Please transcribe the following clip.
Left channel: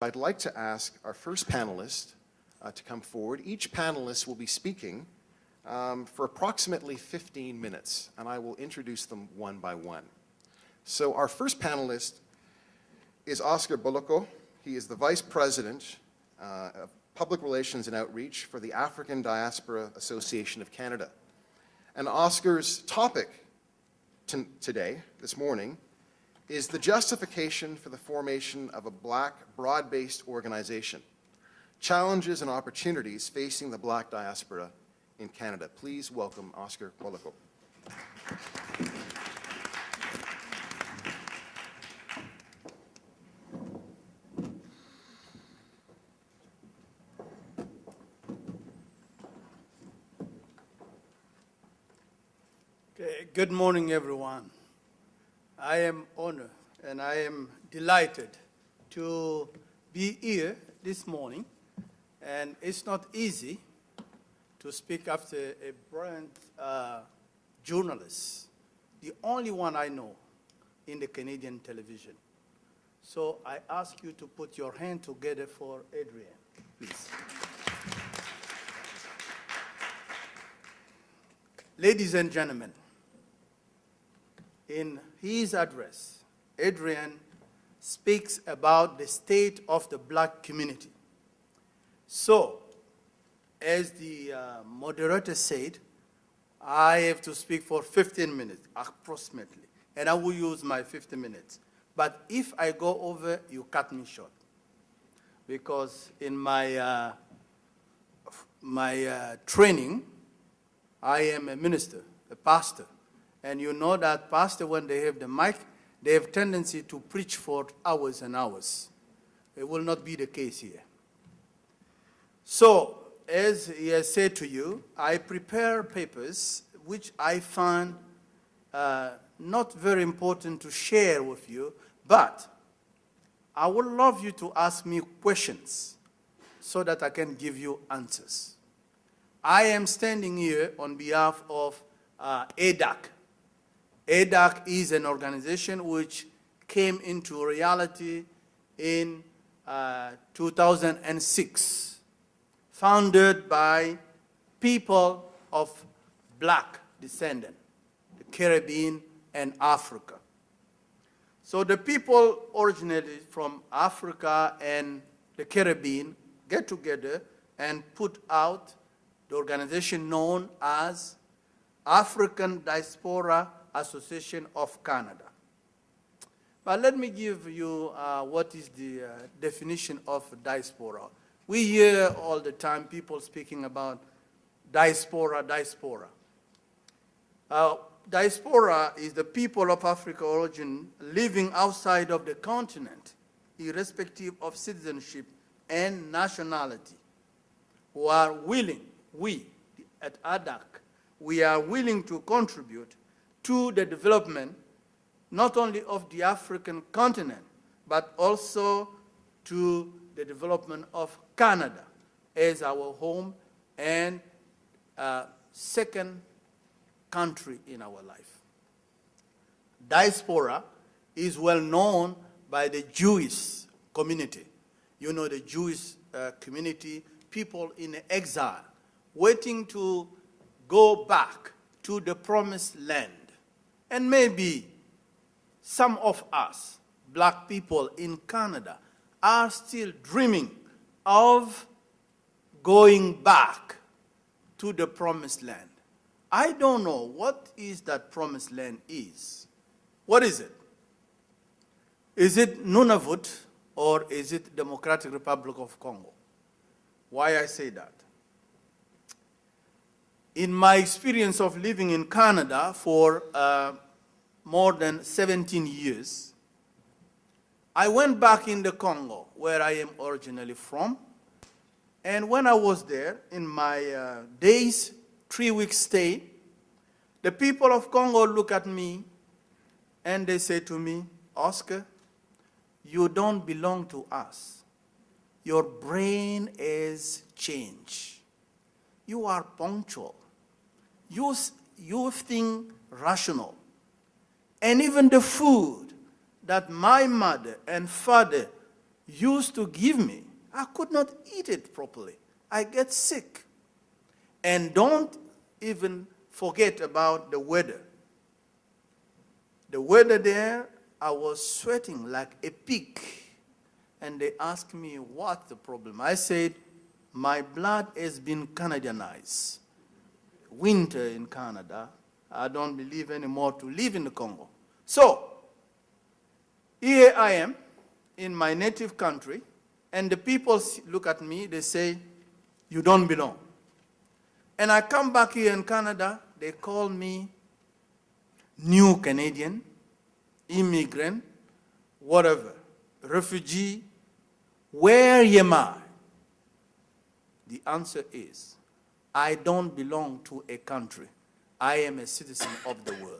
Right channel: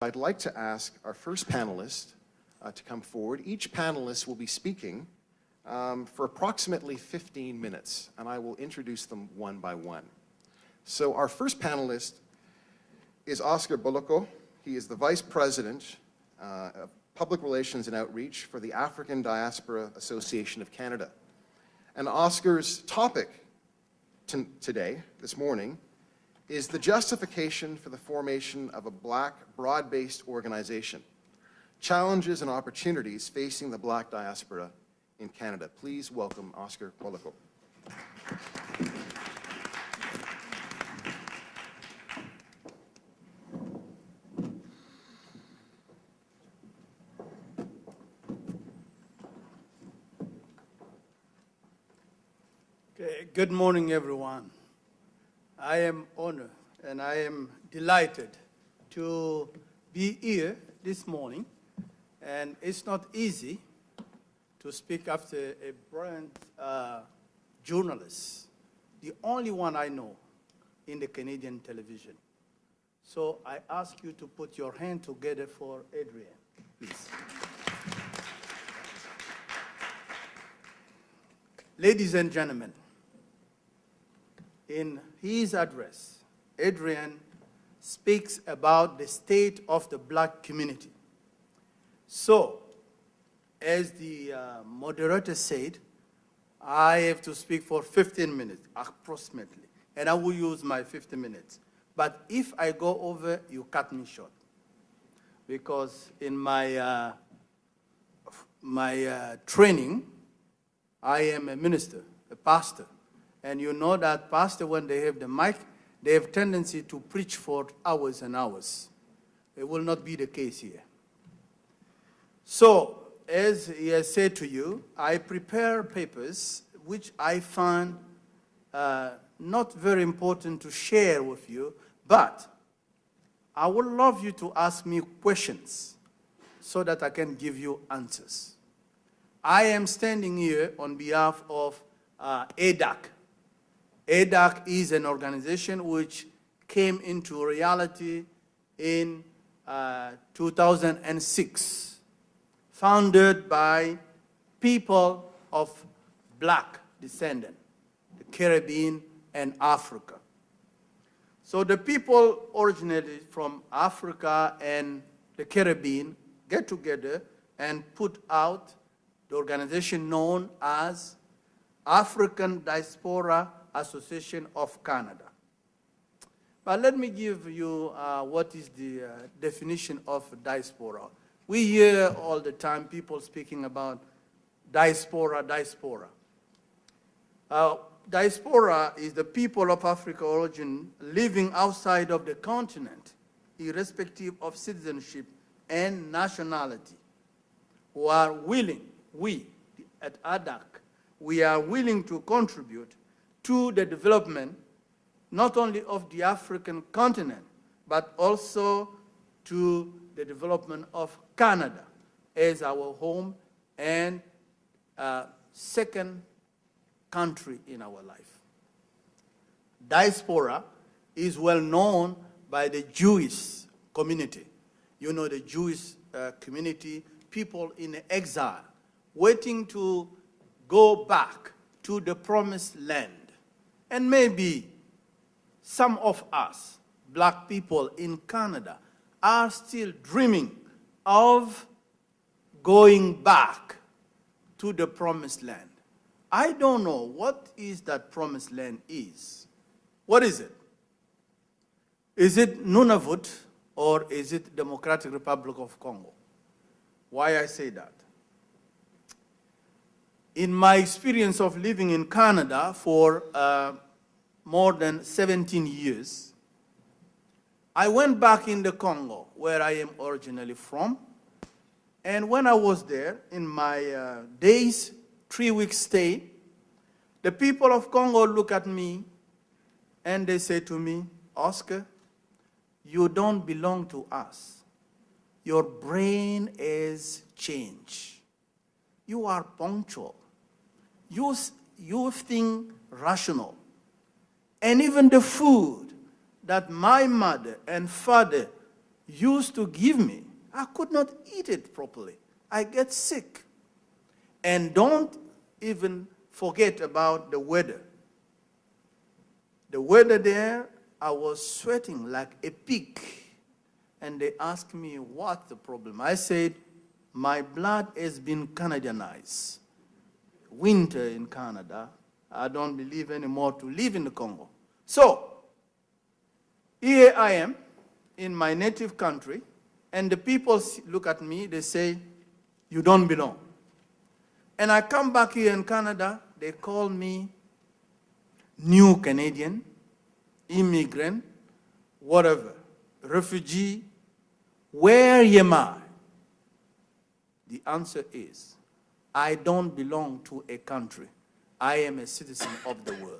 I'd like to ask our first panelist to come forward. Each panelist will be speaking for approximately 15 minutes, and I will introduce them one by one. So our first panelist is Oscar Boloko. He is the Vice President of Public Relations and Outreach for the African Diaspora Association of Canada. And Oscar's topic today, this morning, is the justification for the formation of a Black, broad-based organization, challenges and opportunities facing the Black diaspora in Canada. Please welcome Oscar Boloko. Good morning, everyone. I am honored and I am delighted to be here this morning. And it's not easy to speak after a brilliant journalist, the only one I know in the Canadian television. So I ask you to put your hand together for Adrian, please. Ladies and gentlemen, in his address, Adrian speaks about the state of the Black community. So, as the moderator said, I have to speak for 15 minutes, approximately, and I will use my 15 minutes. But if I go over, you cut me short, because in my training, I am a minister, a pastor. And you know that pastor, when they have the mic, they have tendency to preach for hours and hours. It will not be the case here. So, as he has said to you, I prepare papers which I find not very important to share with you, but I would love you to ask me questions so that I can give you answers. I am standing here on behalf of ADAC. ADAC is an organization which came into reality in 2006, founded by people of Black descent, the Caribbean and Africa. So the people originally from Africa and the Caribbean get together and put out the organization known as African Diaspora Association of Canada. But let me give you what is the definition of diaspora. We hear all the time people speaking about diaspora. Diaspora is the people of African origin living outside of the continent, irrespective of citizenship and nationality, who are willing, we at ADAC, we are willing to contribute to the development not only of the African continent, but also to the development of Canada as our home and second country in our life. Diaspora is well known by the Jewish community. You know, the Jewish community, people in exile, waiting to go back to the promised land. And maybe some of us, Black people in Canada, are still dreaming of going back to the promised land. I don't know what is that promised land is. What is it? Is it Nunavut or is it Democratic Republic of Congo? Why I say that? In my experience of living in Canada for more than 17 years, I went back in the Congo, where I am originally from, and when I was there, in my 3-week stay, the people of Congo look at me and they say to me, Oscar, you don't belong to us. Your brain is changed. You are punctual. You think rational. And even the food that my mother and father used to give me, I could not eat it properly. I get sick. And don't even forget about the weather. The weather there, I was sweating like a pig. And they asked me, what's the problem? I said, my blood has been Canadianized. Winter in Canada, I don't believe anymore to live in the Congo. So, here I am in my native country, and the people look at me, they say, you don't belong. And I come back here in Canada, they call me new Canadian, immigrant, whatever, refugee. Where am I? The answer is, I don't belong to a country. I am a citizen of the world.